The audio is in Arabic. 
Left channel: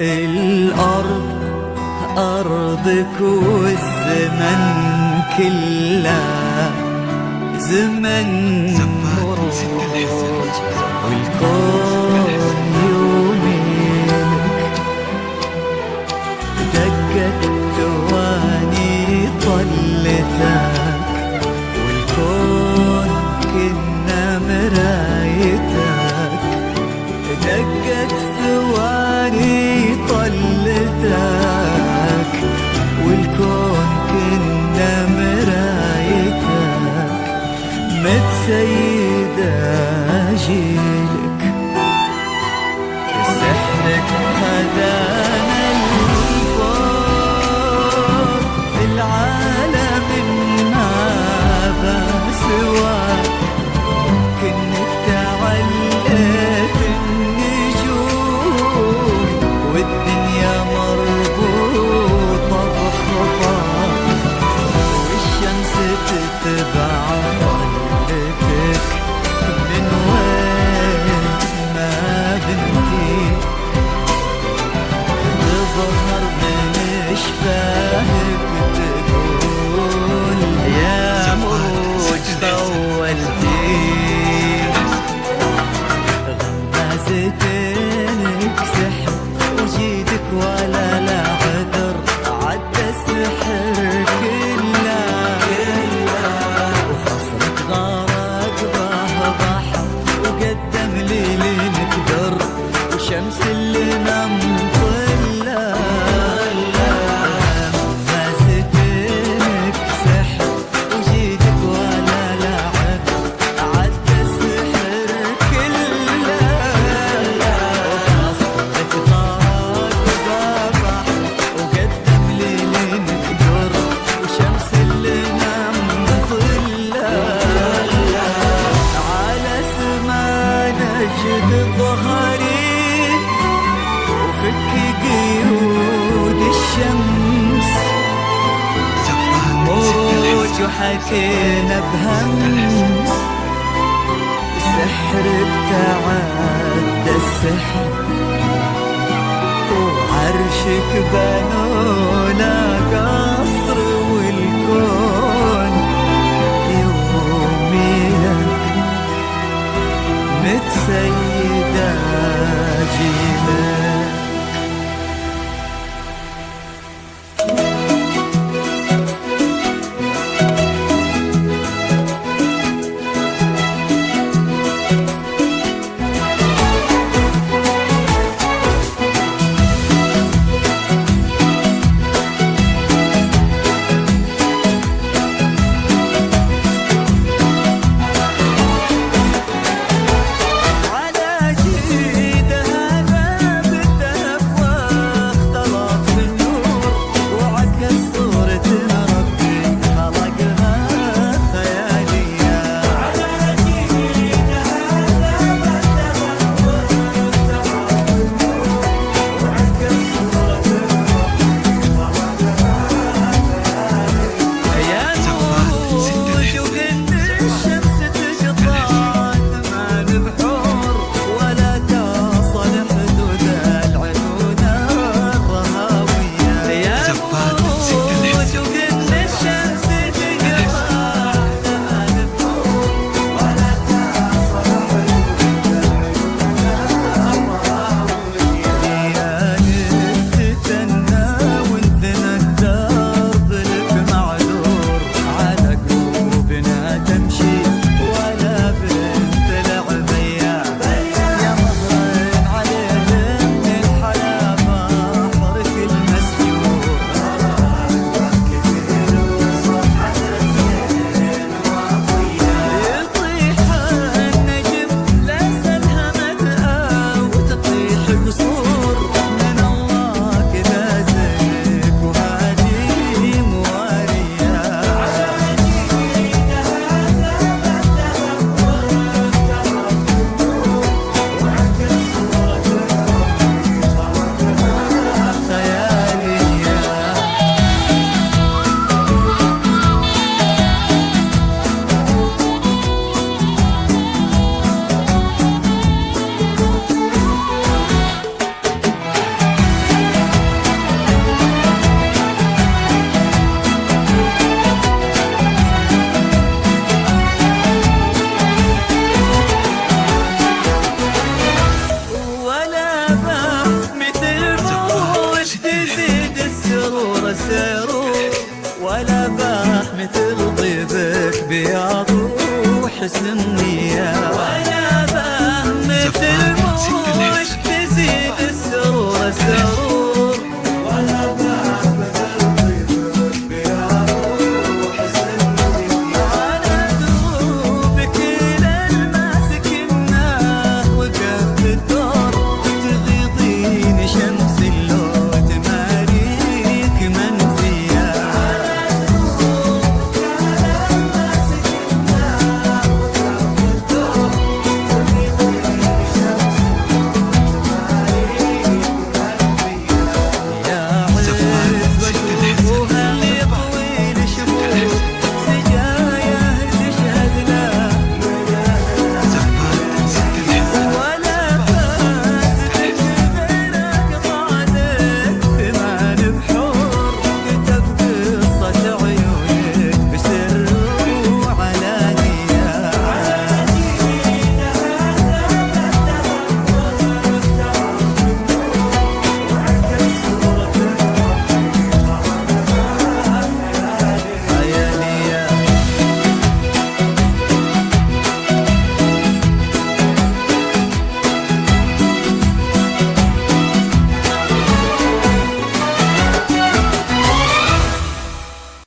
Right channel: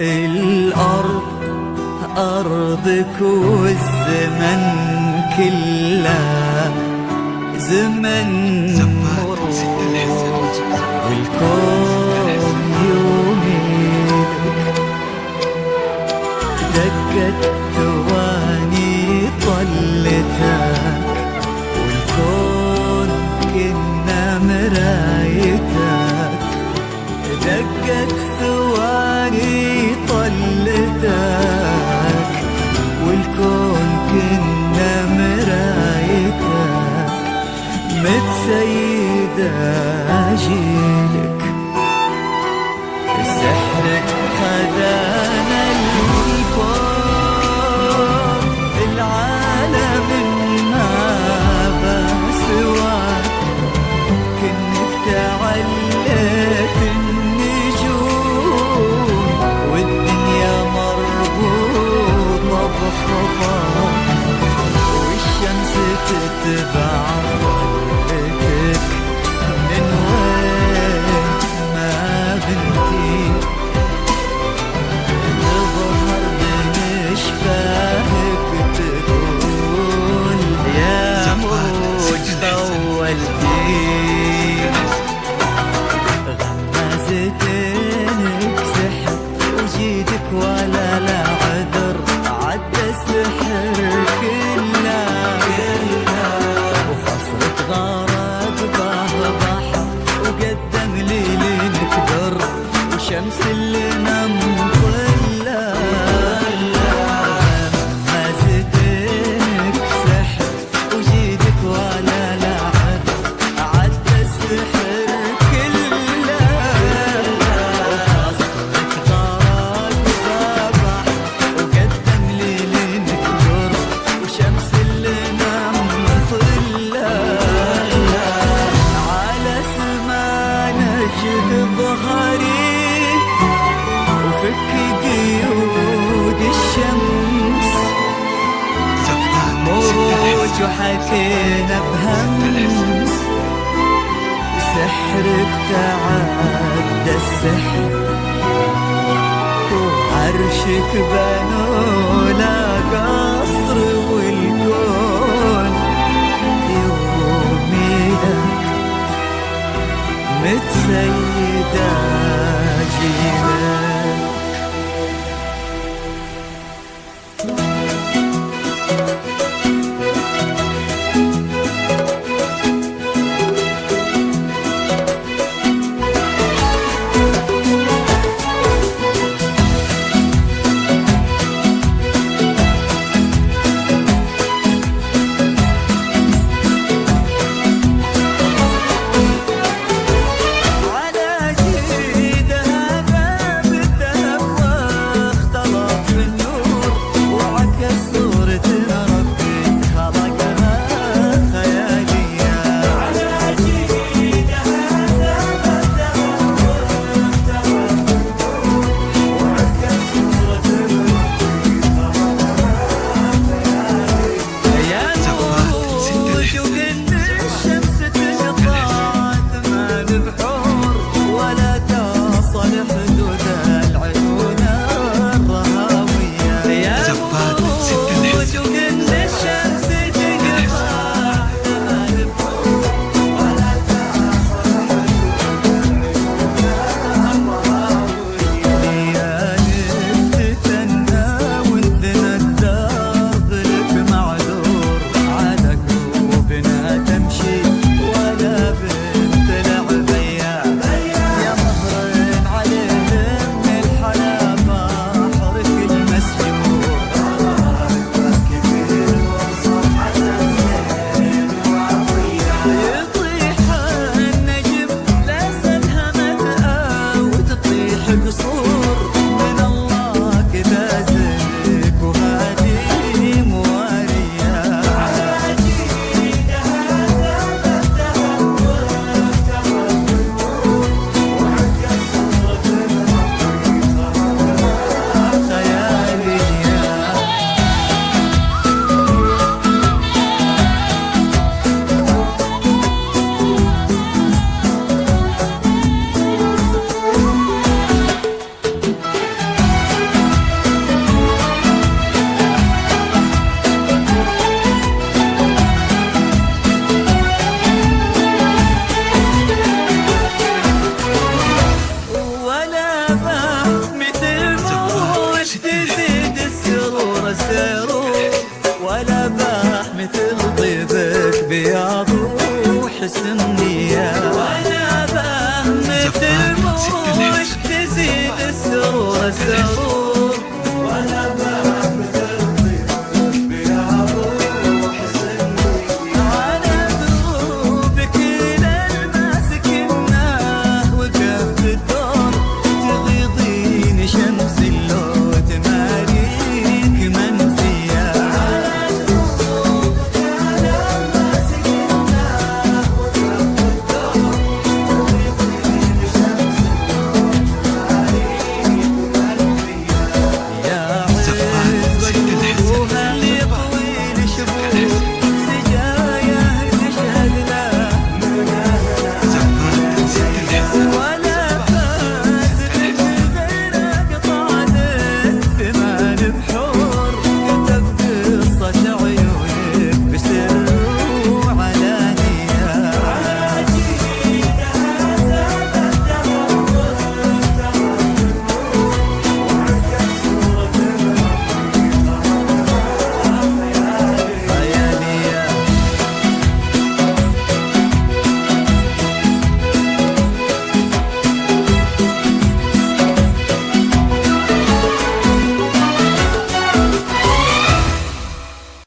الأرض أرضك والزمن كله زمن مروج، والكون يوميلك دقت ثواني طلتك، والكون كنا مرايتك دقت ثواني طلتك، والكون كنا مرايتك متسيدة جيلك، سحرك خذانا الفوق العالم ما بسواك، كنك تعلت النجوم والدنيا مربوطة بخطاك، والشمس تتبع طلتك من وين ما بنتي، تظهر من شفاهك تقول يا مروج طولتي، غمازتينك سحر وجيدك ولا لا عذر، عدى السحر كله وخصرك غارق به بحر، وقدم ليلك در وشمس اللي نمطله، غمازتينك سحر وجيدك ولا لا عذر، عدى السحر كله وخصرك غارق به بحر، وقدم ليلك در وشمس اللي نمطله، على سما نجد ظهري وفك قيود الشمس، موج وحكينا بهمس، سحرك تعدى السحر، وعرشك بنوا لا قصر، والكون يومي لك متسيدة جيلك. على جيدها باب مثل طيبك بياض وحسن نية، وانا